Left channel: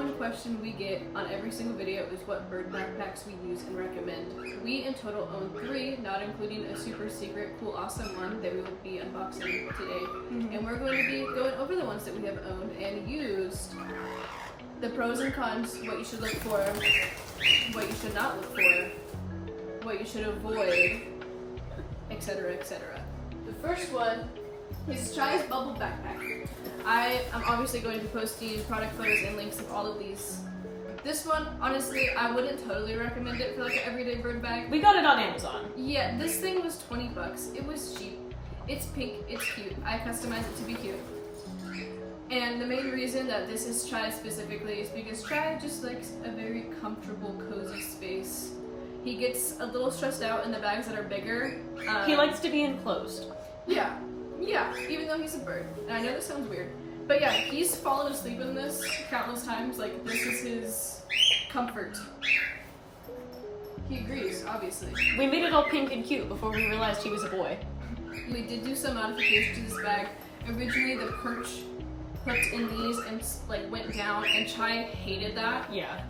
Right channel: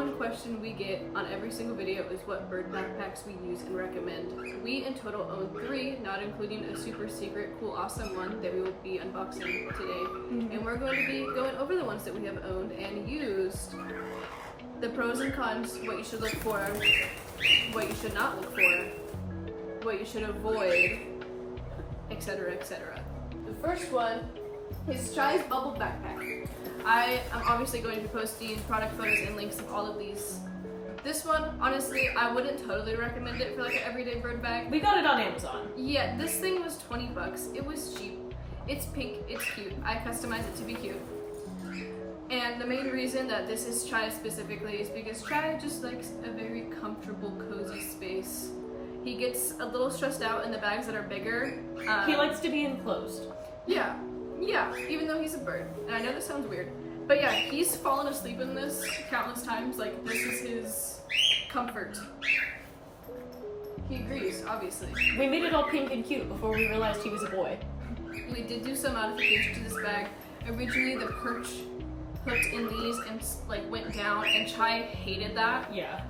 common question we get on every single video is what bird backpacks we use and recommend. We in total own 3, not including a super secret, cool, awesome one that we will be unboxing today. And we're going to be going over the ones that we have owned and used, the pros and cons, what you should look for, what you should not look for, what you should avoid, etc., etc. The first one is Chai's Bubble Backpack. I am obviously going to be posting product photos and links of all of these. This one, honestly, I wouldn't totally recommend it for like an everyday bird bag. We got it on Amazon. Yeah, this thing was 20 bucks. It was cheap. It's pink, it's cute. I customized it to be cute. And the main reason that this is Chai specifically is because Chai just likes a very comfortable, cozy space. He gets a little stressed out in the bags that are bigger. He likes to be enclosed. Yeah, even though he's a bird. And I know this sounds weird, but yeah, he's fallen asleep in this countless times. Like, this is his comfort. He agrees, obviously. We made it all pink and cute before we realized he was a boy. We did do some modification to this bag. Originally, the perch hooked in these and like went down, and Chai hated that. Yeah.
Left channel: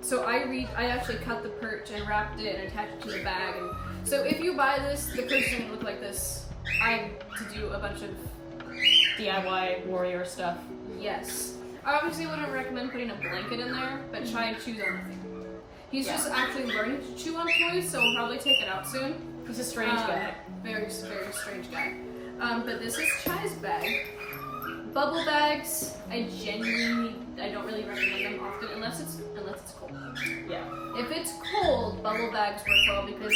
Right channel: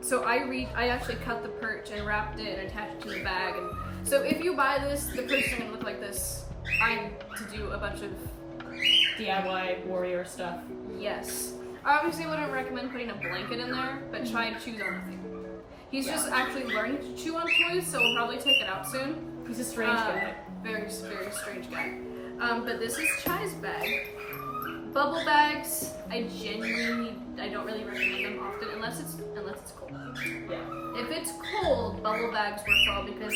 So I actually cut the perch and wrapped it and attached it to the bag. And so if you buy this, the perch is gonna look like this. I had to do a bunch of DIY warrior stuff. Yes. I obviously wouldn't recommend putting a blanket in there, but Chai chews on nothing. He's just actually learning to chew on toys, so we'll probably take it out soon. He's a strange guy. Very, very strange guy. But this is Chai's bag. Bubble bags, I don't really recommend them often unless it's cold. Yeah. If it's cold, bubble bags work well because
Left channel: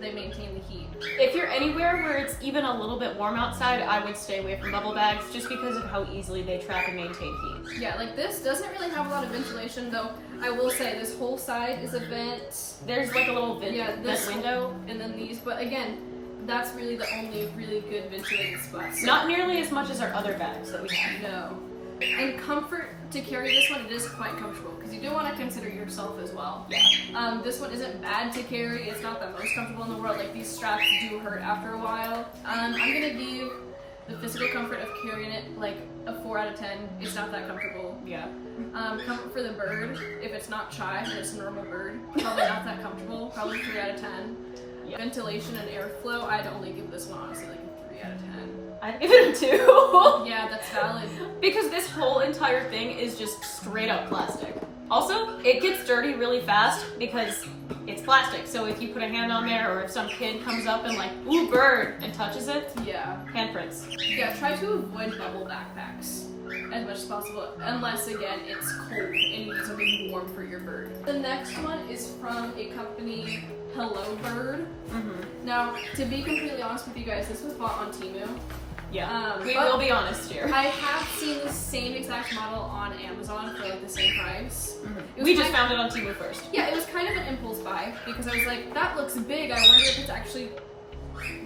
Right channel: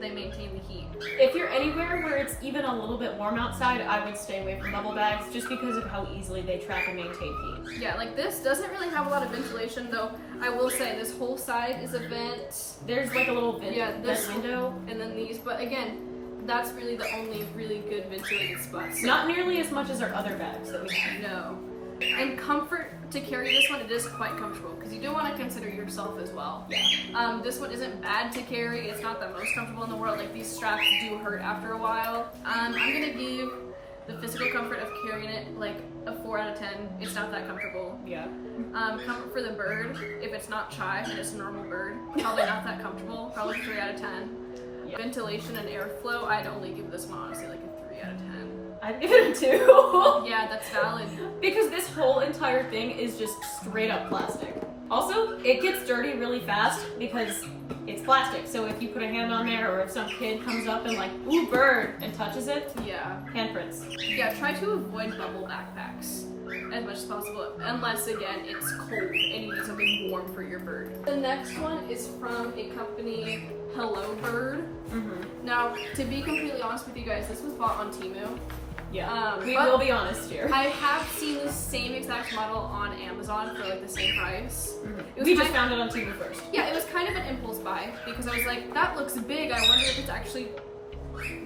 they maintain the heat. If you're anywhere where it's even a little bit warm outside, I would stay away from bubble bags just because of how easily they trap and maintain heat. Yeah, like this doesn't really have a lot of ventilation, though. I will say this whole side is a vent. There's like a little vent window, and then these. But again, that's really the only really good ventilated spot. So not nearly as much as our other bags that we have. No. And comfort to carry this one, it is quite comfortable because you do want to consider yourself as well. Yeah. This one isn't bad to carry. It's not the most comfortable in the world. Like, these straps do hurt after a while. I'm gonna give the physical comfort of carrying it like a 4 out of 10. It's not that comfortable. Yeah. Comfort for the bird, if it's not Chai and it's a normal bird, probably not that comfortable. Probably 3 out of 10. Yeah. Ventilation and airflow, I'd only give this one honestly like a 3 out of 10. I'd give it a 2. Yeah, that's valid. Because this whole entire thing is just straight up plastic. Also, it gets dirty really fast because it's plastic. So if you put a hand on there, or if some kid comes up and like, ooh, bird, and touches it, yeah, handprints. Yeah, try to avoid bubble backpacks as much as possible, unless again it's cold and you need something warm for your bird. The next one is from a company, Hello Bird. Now, to be completely honest with you guys, this was bought on Temu. Yeah, we will be honest here. I have seen the same exact model on Amazon for like the same price. We just found it on Temu first. Yeah, it was kind of an impulse buy because I was like, that looks big. I wonder if it's actually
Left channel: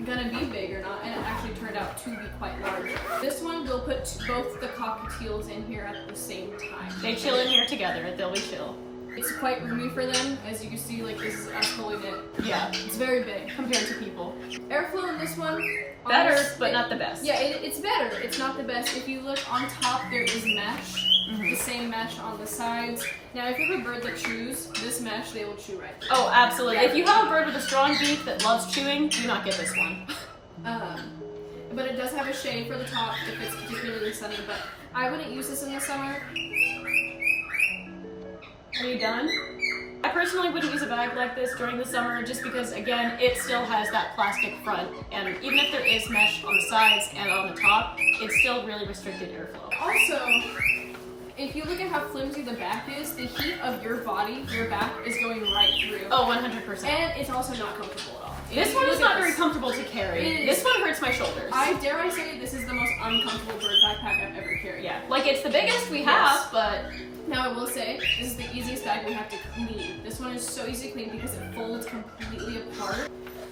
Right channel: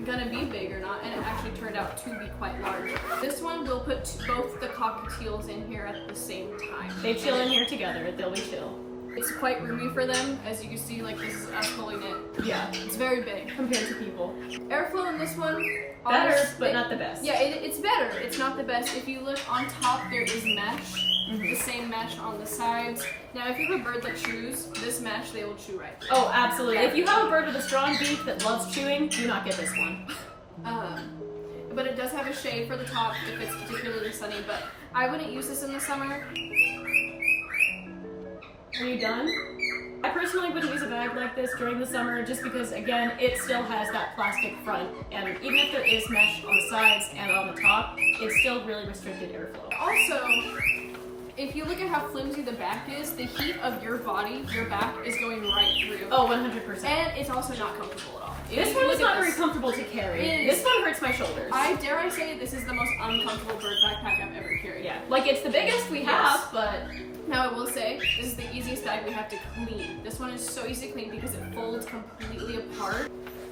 gonna be big or not, and it actually turned out to be quite large. This one will put both the cockatiels in here at the same time. They chill in here together. They'll be chill. It's quite roomy for them, as you can see. Like, this is us holding it. Yeah, it's very big compared to people. Airflow in this one, better, but not the best. Yeah, it's better. It's not the best. If you look on top, there is mesh. The same mesh on the sides. Now, if you have a bird that chews, this mesh, they will chew right through. Oh, absolutely. If you have a bird with a strong beak that loves chewing, do not get this one. But it does have a shade for the top if it's particularly sunny, but I wouldn't use this in the summer. Are you done? I personally wouldn't use a bag like this during the summer just because, again, it still has that plastic front, and even if there is mesh on the sides and on the top, it's still really restricted airflow. Also, if you look at how flimsy the back is, the heat of your body, your back, is going right through. Oh, 100%. And it's also not comfortable at all. This one is not very comfortable to carry. This one hurts my shoulders. Dare I say, this is the most uncomfortable bird backpack I've ever carried. Yeah, like it's the biggest we have, but... Now I will say, this is the easiest bag we have to clean. This one is so easy to clean because it folds completely apart.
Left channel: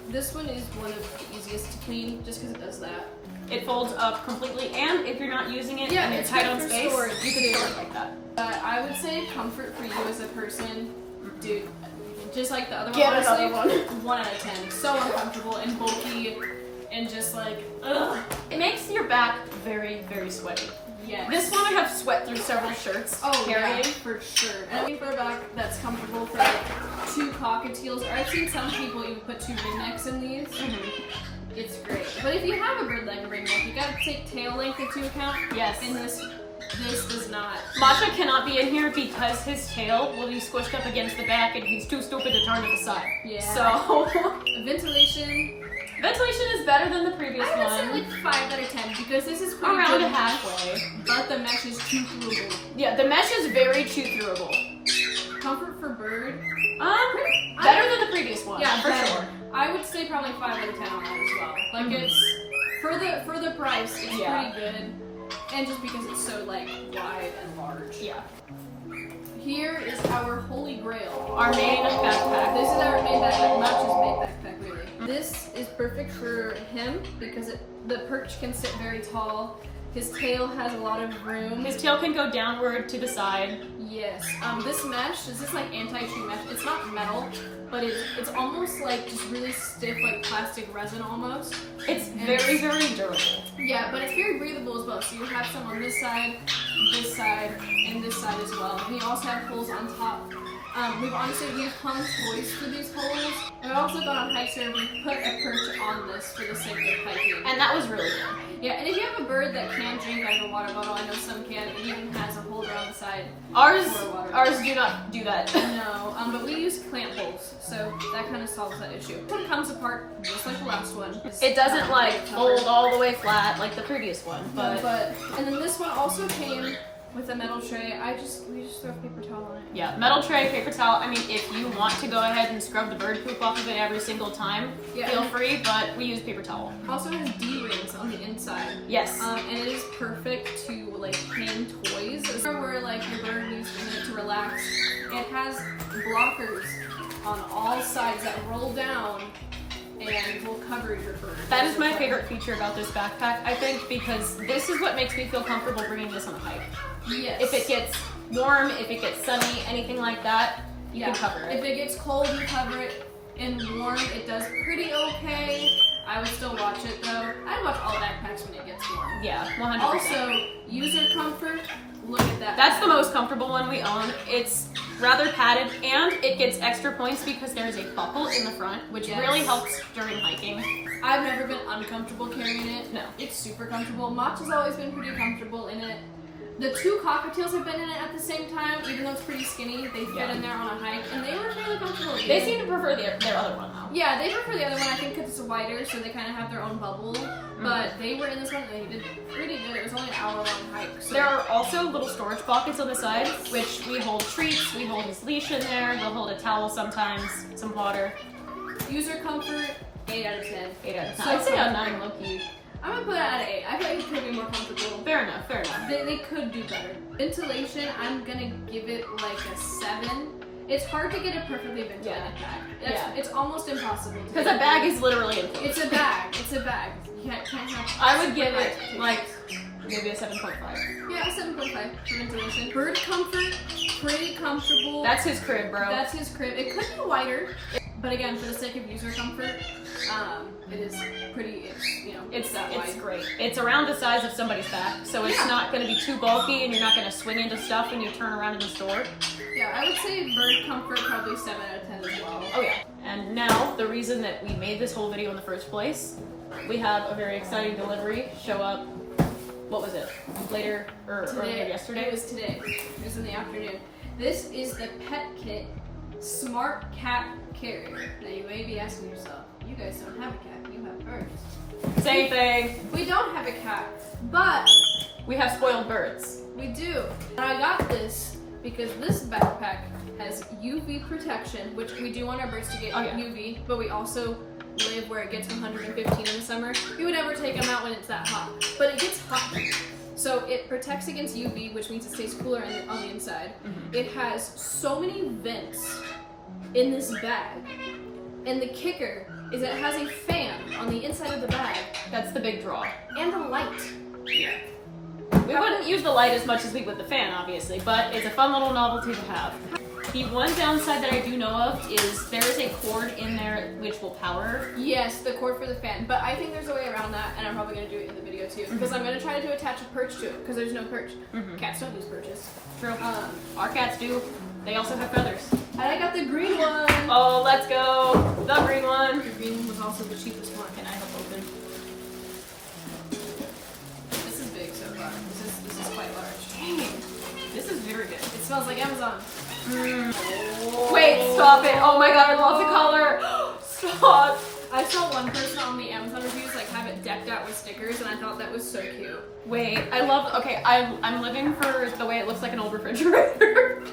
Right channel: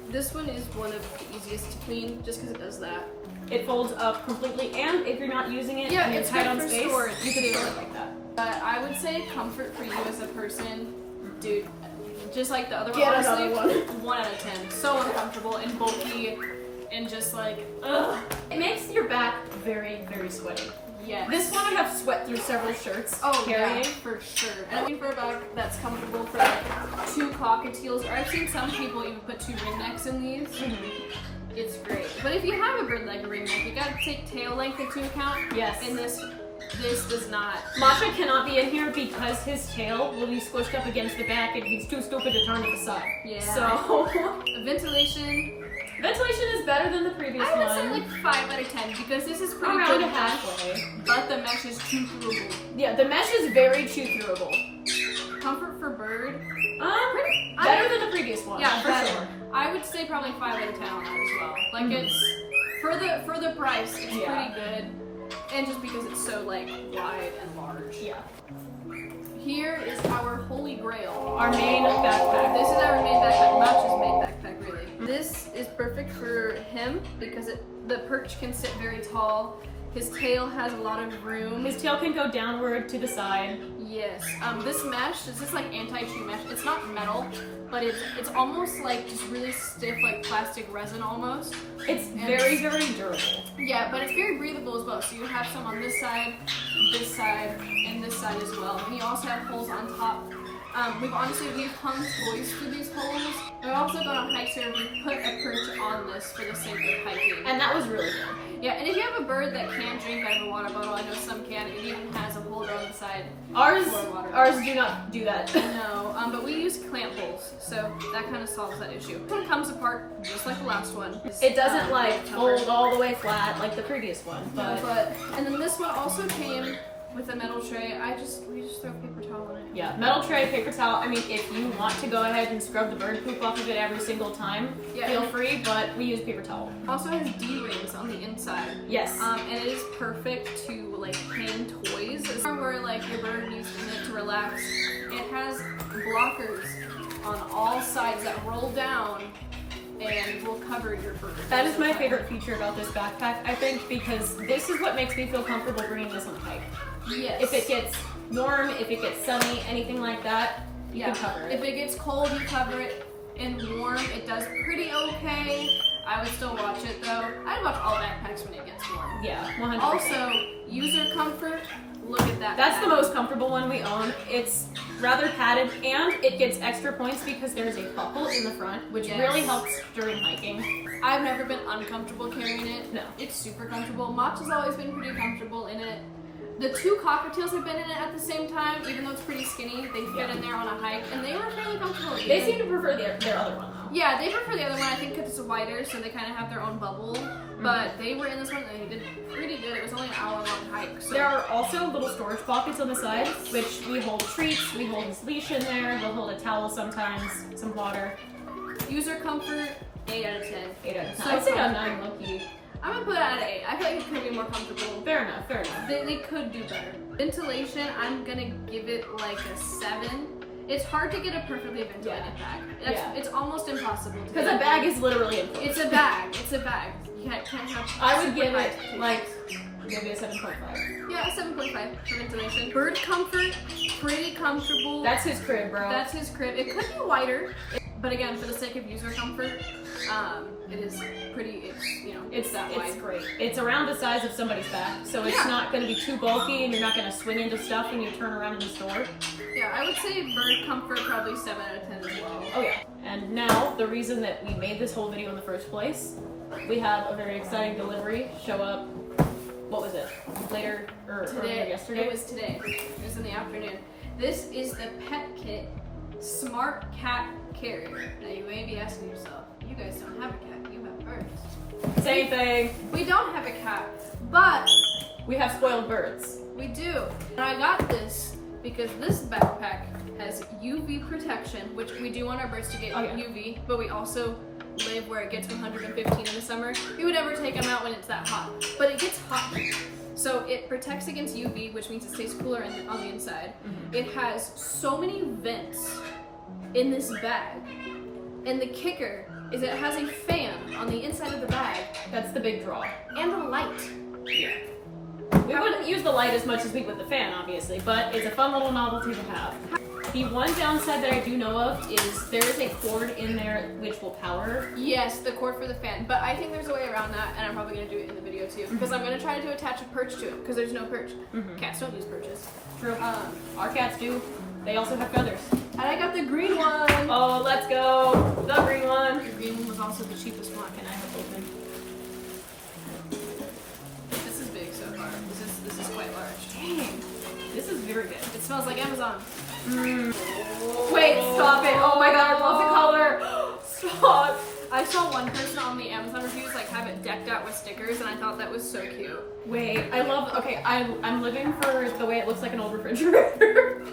This one is one of the easiest to clean just because it does that. It folds up completely, and if you're not using it, yeah, and it's tight good on for space, storage. you can store it like that. I would say comfort for you as a person, dude. Just like the other one, Get honestly, another one. 1 out of 10. So uncomfortable and bulky, and just like, ugh. It makes your back very, very sweaty. Yes. This one I have sweat through several shirts. Oh carrying. yeah, for sure. And I mean for a bag that's comfortable for like 2 cockatiels, or I've seen some people even put 2 ringnecks in these. It's great. But if you have a bird like a ringneck, you gotta take tail length into account. Yes. And this does not. Matcha cannot be in here because his tail will be squished up against the back and he's too stupid to turn to the side. Yeah. So ventilation is better than the previous I would one. say like 5 out of 10 because this is pretty Around good halfway. but the mesh is chew throughable. Yeah, the mesh is very chew throughable. Comfort for bird. Better than the previous one. Yeah, for better. sure. I would say probably 5 out of 10 on that as well. Like it's for the price, it's pretty good. And just because it's so like wide and large. Yeah. Here is our holy grail. Our main backpack. This is our main backpack, not just main backpack really. This is perfect for him because the perch can sit very tall. His tail has a lot of room. His tail can go downward to the side. Yes. This mesh, is this like anti-chew mesh? It's not metal, but it's almost like just really stiff, like plastic resin almost. It's very, very durable. Yeah, but it's very breathable as well. So you have some on this side, and this side as well. And you also have holes on top. We've hung toys through these holes. And we've also gone on hikes where we put a perch on this for the sake of hiking. And that was really good. Yeah, and if you have a bird that can drink out of a water bottle, I know some can, it even has a holder on the side. Ours for a water ours do not do that. No, but we use clamp holes, so that kind of solves that issue. One comes apart just like the last one. It doesn't like fold all the way flat like the previous one. But and then this one also came with a metal tray. We just throw paper towel on it. yeah, metal tray, paper towel. I mean, if you want to go ahead and scrub the bird poop off of it every single time, feel free, but we use paper towel. Also has D-rings on the inside. Yes. And it is perfect to like hang toys. It's where like your bird needs a minute to relax. It has blockers on all sides that roll down and will cover your bird. That is my favorite feature about this backpack, I think, because this is what makes me feel comfortable bringing this on a hike. Yes. If it gets warm, if it gets sunny, anything like that, you can cover it. If it gets cold, you cover it. And warm, it does pretty okay. I would still watch it though. I'd watch all backpacks when it gets warm. Yeah, 100%. Also, user comfort. Look at that. That's the most comfortable one we own. It's rather padded, and it gets extra points because there's a buckle in the front, which really helps during hiking. I've never been uncomfortable carrying it. No. It's super comfortable. Mach has always been pretty comfortable in it. The 2 cockatiels have been in it at the same time, even though it's pretty skinny. They fit in there on a hike, and they were fairly comfortable. They seem to prefer their other one, though. Yeah, they prefer the other one. I think because it's wider, so they kind of have their own bubble. But they were in this one, and they did pretty good. It was only an hour-long hike. So. There are also little storage pockets on the side, which we hold treats, we hold his leash in there, we'll hold a towel sometimes, some water. User comfort, 8 out of 10. 8 out of 10. So I'd say a 9 low-key. I'm gonna put it at an 8. I feel like it could be more comfortable. Fair enough, fair enough. They could do better. Ventilation, I'm gonna give it like a 7. It's hard to get a perfectly ventilated bag. It's almost impossible. Because a bag is literally enclosed. It's a bag. It's a bag. You can't have. I would give it like maybe a 7.5. Yeah, a 7.5 for ventilation. Bird comfort, pretty comfortable. That's his crib, bro. That's his crib. It could be wider, but again, for the sake of user comfort, it is pretty. It's that wide. It's great. It's around the size of somebody's back, so it's not going to be too bulky, and you're not going to swing into stuff when you turn around in the store. Yeah, I would say bird comfort probably 7 out of 10 as well. Oh yeah. And now the reason that we made this whole video in the first place, we have a very exciting delivery show up. What was it? Later or yesterday? It was today. It was in the afternoon. This is the Pet Kit Smart Cat Carrier. Now you may be asking yourself, you guys don't have a cat, you have birds. Same thing. We don't have a cat, but we have spoiled birds. We do. And I got this because this backpack has UV protection, which we do want our birds to get UV, but we also live where it gets 115 in the summer. We would never take them out when it's that hot, but it gets hot here. So it protects against UV, which means it stays cooler on the inside. It has so many vents in this bag, and the kicker is it has a fan on the inside of the bag. That's the big draw. And a light. Yeah. We wouldn't use the light as much as we would the fan, obviously, but it's a fun little novelty to have. The one downside that I do know of is there is a cord in there which will power. Yes, the cord for the fan. But I think there's a way around that, and I'm probably going to do it in the video too. Because I'm going to try to attach a perch to it, because there's no perch. Cats don't use perches. True. Our cats do. They also have feathers. And I got the green one. Oh, let's go. The green one. The green one was also the cheapest one. Can I have open? This is big so far. This is quite large. Dang. This is very good. It smells like Amazon. Wait, stop it. Oh my god, I love the color. Stop. I saw one person on the Amazon reviews like have it decked out with stickers, and I thought that was so cute. Wait, I love, okay, I'm living for the way it looks like an old refrigerator.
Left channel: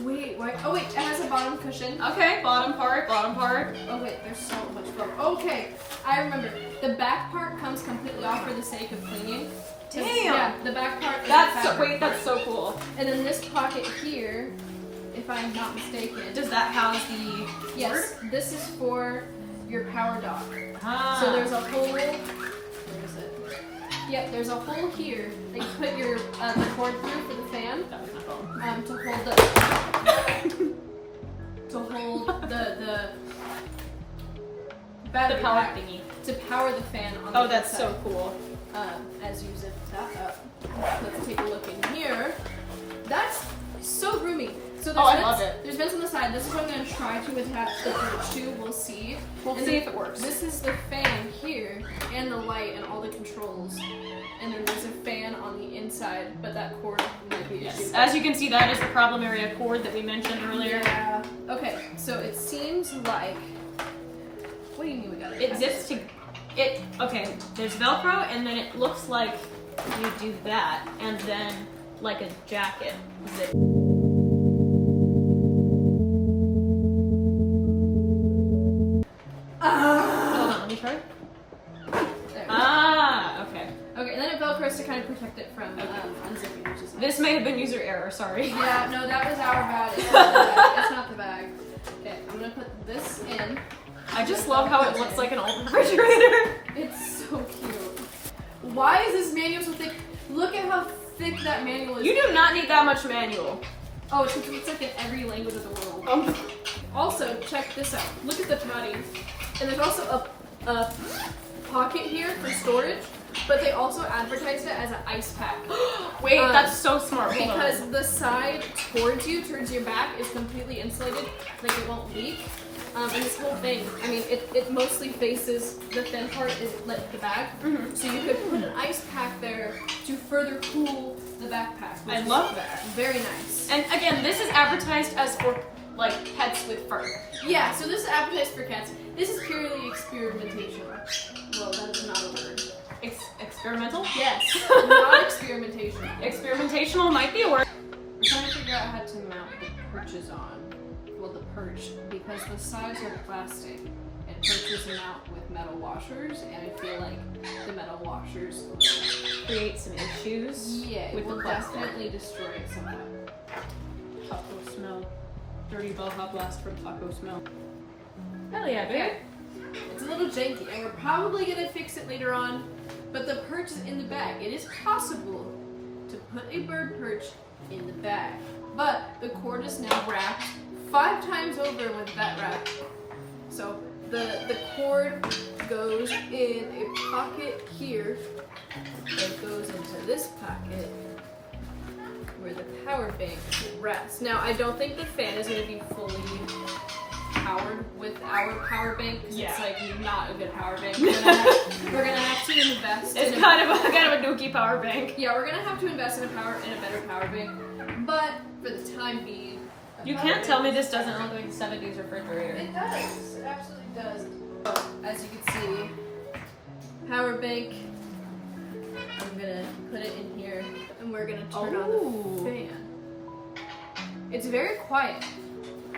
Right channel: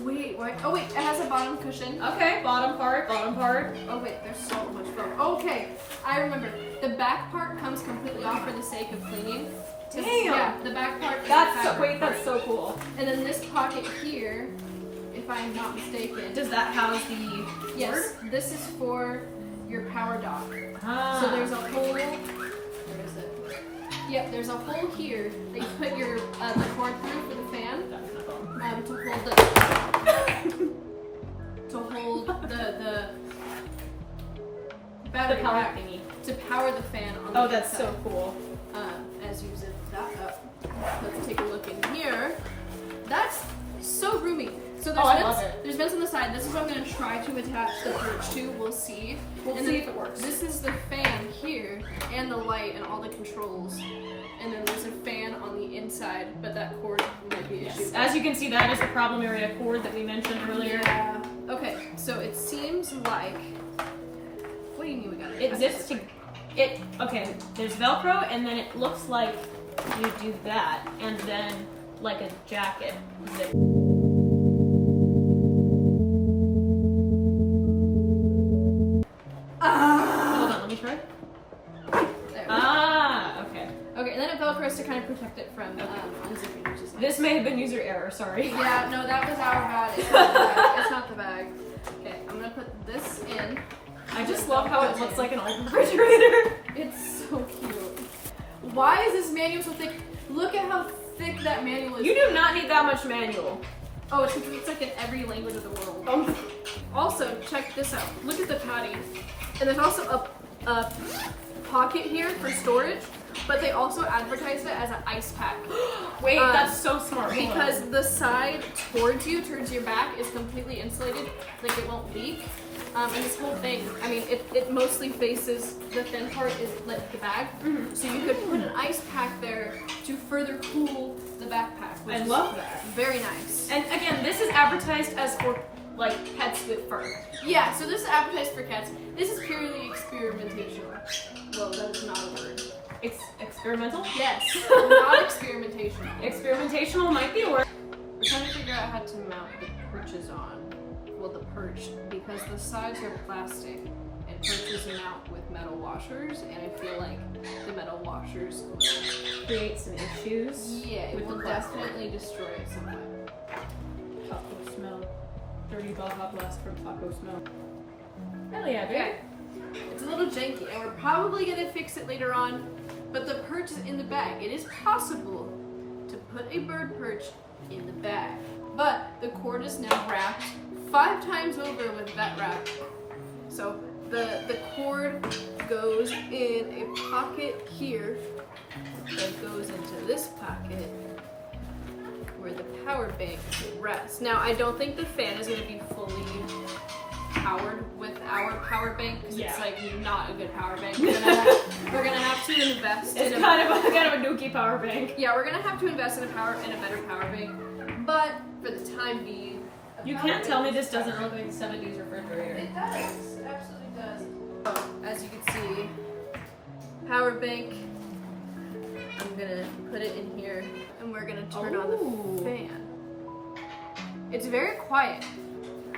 Wait, why? Oh wait, it has a bottom cushion. Okay, bottom part. Oh wait, there's so much foam. Okay, I remember. The back part comes completely off for the sake of cleaning. Damn. Yeah, the back part. Is That's the so, fabric wait, that's part. so cool. And then this pocket here, if I am not mistaken. Does that house the Yes, this is for your power dock. Ah. So there's a hole. Where is it? Yep, there's a hole here that you put your the cord through for the fan. That is my phone. To hold the battery power pack thingy. to power the fan on the Oh, that's inside. so cool. As you zip that up, let's take a look in here. That's so roomy. So there's I vents, love it. there's vents on the side. This is what I'm going to try to attach the perch to. We'll see. We'll And see then if it works. This is the fan here, and the light, and all the controls. And then there's a fan on the inside, but that cord might be an issue. As you can see, that is the problem area cord that we mentioned earlier. Yeah. Okay, so it seems like. What do you mean we got it? It zips to it. Okay, there's Velcro, and then it looks like you do that, and then like a jacket zip. Hold on, let me try. There we go. Okay. Okay, and then it velcros to kind of protect it from unzipping, which is nice. This may have been user error. Sorry. Yeah, no, that was our bad. It's not the bag. It's not the bag. Okay, I'm gonna put this in. I just love how it looks like an old refrigerator. It's so cute. Why is this manual so thick? Look at how thick that manual is. You do not need that much manual. Oh, it's like in every language of the world. Also, check this out. Look at the patty. And there's also a pocket here for storage, but they also advertised it as an ice pack. Wait, that's so smart. Hold on. Because the side towards your back, is completely insulated, like it won't leak. And this whole thing, I mean, it mostly faces, the thin part is like the bag. So you could put an ice pack there to further cool the backpack. Which I is love that. Very nice. And again, this is advertised as for like pets with fur. Yeah, so this is advertised for cats. This is purely experimentation. Well, that is not a word. It's experimental? Yes, not experimentation. Experimentational might be a word. We're trying to figure out how to mount the perches on. Well, the perch, because the sides are plastic and perches mount with metal washers, and I feel like the metal washers will, Create some issues. yeah, it with will the plastic. definitely destroy it somewhat. Taco smell. Dirty Baja Blast from Taco Smell. Hell yeah, baby. Okay. It's a little janky, and we're probably gonna fix it later on, but the perch is in the bag. It is possible to put a bird perch in the bag, but the cord is now wrapped 5 times over with vet wrap. So the cord goes in a pocket here that goes into this pocket where the power bank rests. Now, I don't think the fan is going to be fully powered with our power bank because it's like not a good power bank. We're gonna have to invest. It's in kind of a dookie power bank. Yeah, we're gonna have to invest in a better power bank. But for the time being, You can't tell me this doesn't look like a 70s refrigerator. it does. It absolutely does. Oh, as you can see, power bank. I'm gonna put it in here, and we're gonna turn on the fan. It's very quiet.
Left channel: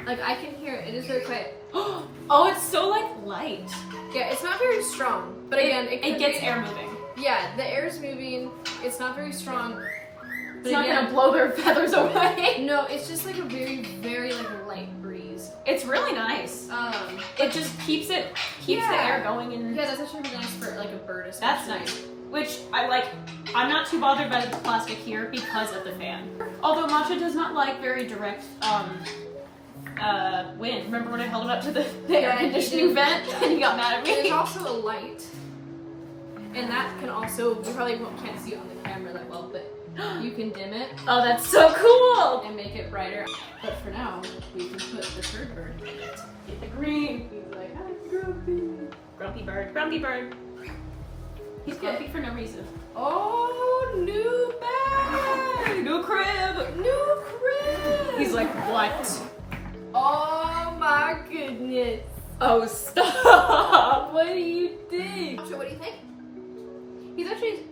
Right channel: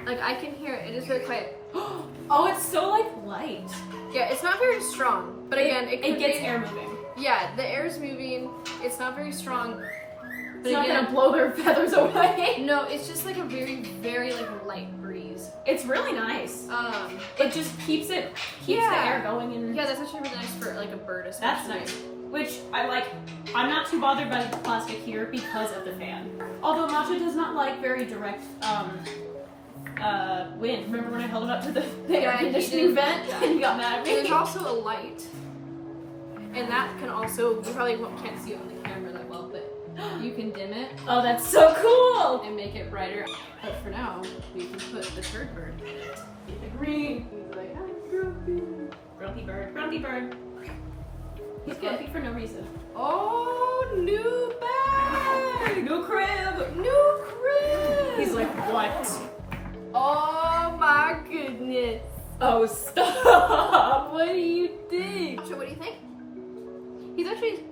Like, I can hear it. It is very quiet. Oh, it's so like light. Yeah, it's not very strong. But again, it gets air moving. Yeah, the air is moving. It's not very strong. It's not gonna blow their feathers away. No, it's just like a very, very like light breeze. It's really nice. It just keeps the air going in. Yeah, that's actually really nice for like a bird especially. That's nice. Which I like. I'm not too bothered by the plastic here because of the fan. Although Matcha does not like very direct wind. Remember when I held him up to the Yeah, air he conditioning did. vent and he got mad at me? There's also a light, and that can also, you probably can't see it on the camera that well, but you can dim it Oh, that's so cool! and make it brighter. But for now, we can put the third bird in it. Get the green. He's like, I'm grumpy. Grumpy bird. Grumpy bird. He's grumpy for no reason. Oh, new bag! New crib! New crib! He's like, what? Oh my goodness. Oh, stop! What do you think? So what do you think?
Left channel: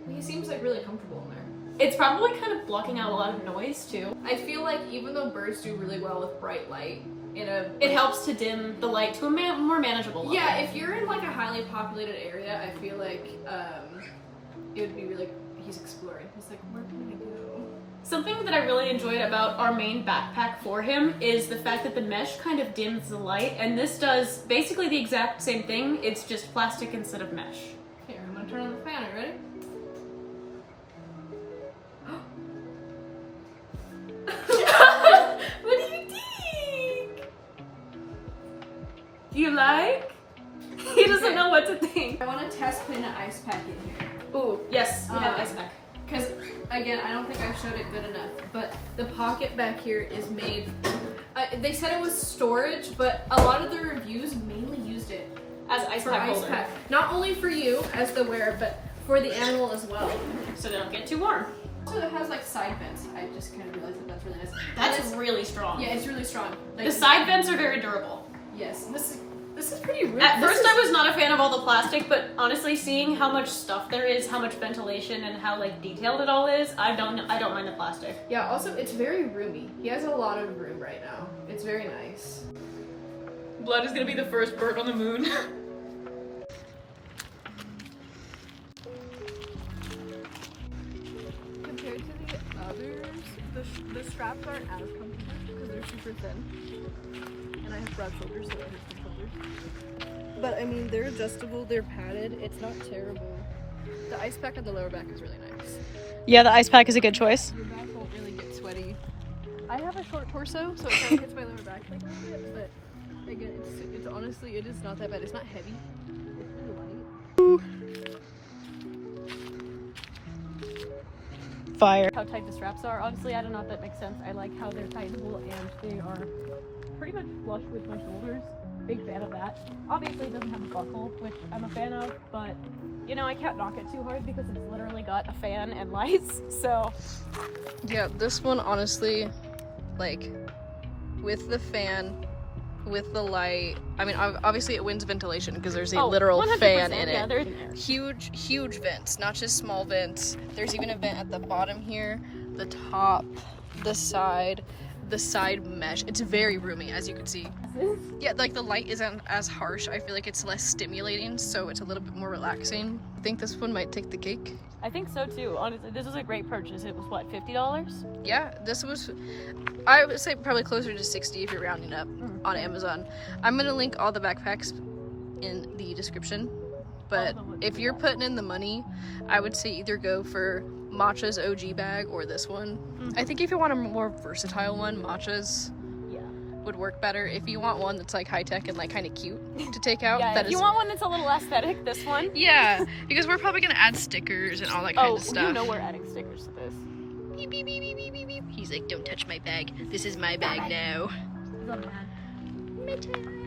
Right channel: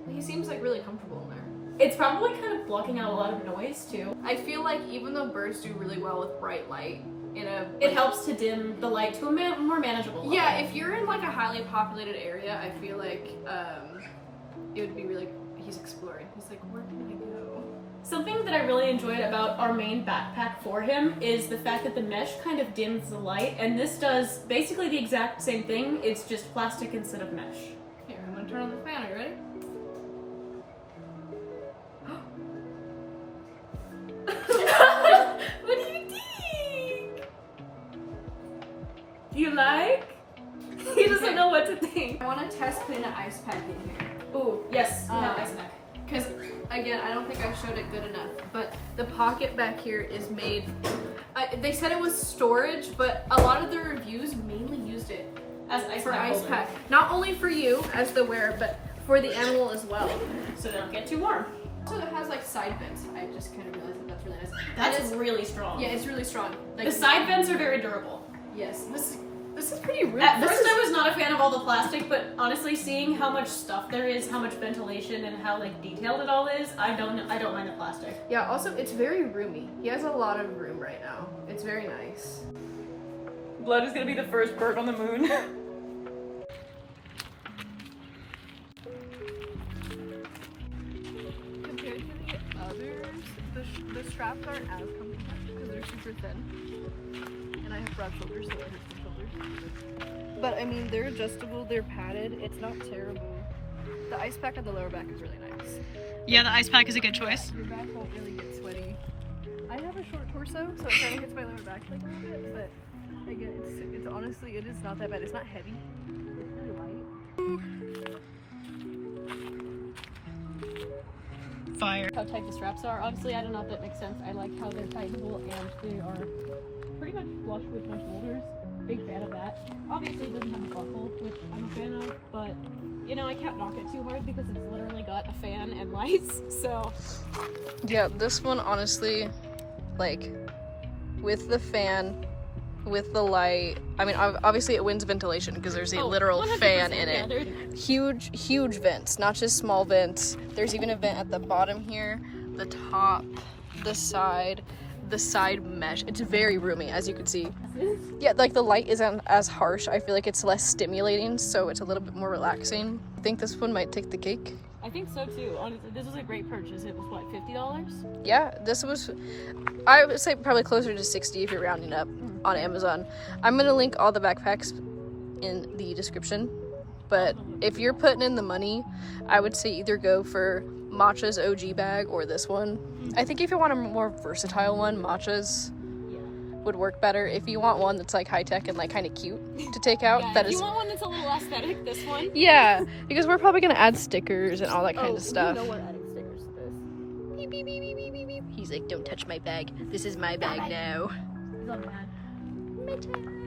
He seems like really comfortable in there. It's probably kind of blocking out a lot of noise too. I feel like even though birds do really well with bright light, It helps to dim the light to a more manageable level. yeah, if you're in like a highly populated area, I feel like it would be really, he's exploring. He's like, where can I go? Something that I really enjoyed about our main backpack for him is the fact that the mesh kind of dims the light, and this does basically the exact same thing, it's just plastic instead of mesh. Here, I'm gonna turn on the fan. Are you ready? What do you think? You like? He doesn't know what to think. I want to test putting an ice pack in here. Ooh, yes, we have ice pack. Because, again, I don't think I showed it good enough, but the pocket back here is made, they said it was storage, but a lot of the reviews mainly used it As ice for pack ice holder. pack. Not only for you as the wearer, but for the animal as well. So they don't get too warm. So it has like side vents. I just kind of realized that that's really nice. That's And it's, really strong. yeah, it's really strong. Like, The side vents are very durable. yes, this is pretty real. At first I was not a fan of all the plastic, but honestly seeing how much stuff there is, how much ventilation and how like detailed it all is, I don't mind the plastic. Yeah, also it's very roomy. He has a lot of room right now. It's very nice. Blood is gonna be the first bird on the moon. Compared to the others, the straps aren't as comfortable because they're super thin. And I have broad shoulders, so it hurts my shoulders. But I mean, they're adjustable, they're padded, it's not terrible. The ice pack on the lower back is really nice. Yeah, the ice pack is a good choice. Your back won't really get sweaty. I have a short torso, so it kind of hits my lower back like a little bit, but again, it's honestly, it is not that bad. It's not heavy. It's really light. Fire. How tight the straps are. Honestly, I don't know if that makes sense. I like how they're tightenable and they are pretty much flush with my shoulders. Big fan of that. Obviously, it doesn't have a buckle, which I'm a fan of, but you know, I can't knock it too hard because it's literally got a fan and lights, so. Yeah, this one honestly, like, with the fan, with the light, I mean, obviously it wins ventilation because there's a literal 100%, fan in yeah, it. Huge vents, not just small vents. There's even a vent at the bottom here, the top, the side mesh. It's very roomy, as you can see. Yeah, like the light isn't as harsh. I feel like it's less stimulating, so it's a little bit more relaxing. I think this one might take the cake. I think so too. Honestly, this was a great purchase. It was what, $50? Yeah, this was, I would say probably closer to 60 if you're rounding up on Amazon. I'm gonna link all the backpacks in the description, but if you're putting in the money, I would say either go for Matcha's OG bag or this one. I think if you want a more versatile one, Matcha's would work better. If you want one that's like high tech and like kind of cute to take out, Yeah, that if you want one that's a little aesthetic, this one. yeah, because we're probably gonna add stickers and all that kind of stuff. You know we're adding stickers to this. Beep, beep, beep, beep, beep, beep, beep. He's like, don't touch my bag. This is my bag now. He's on mad.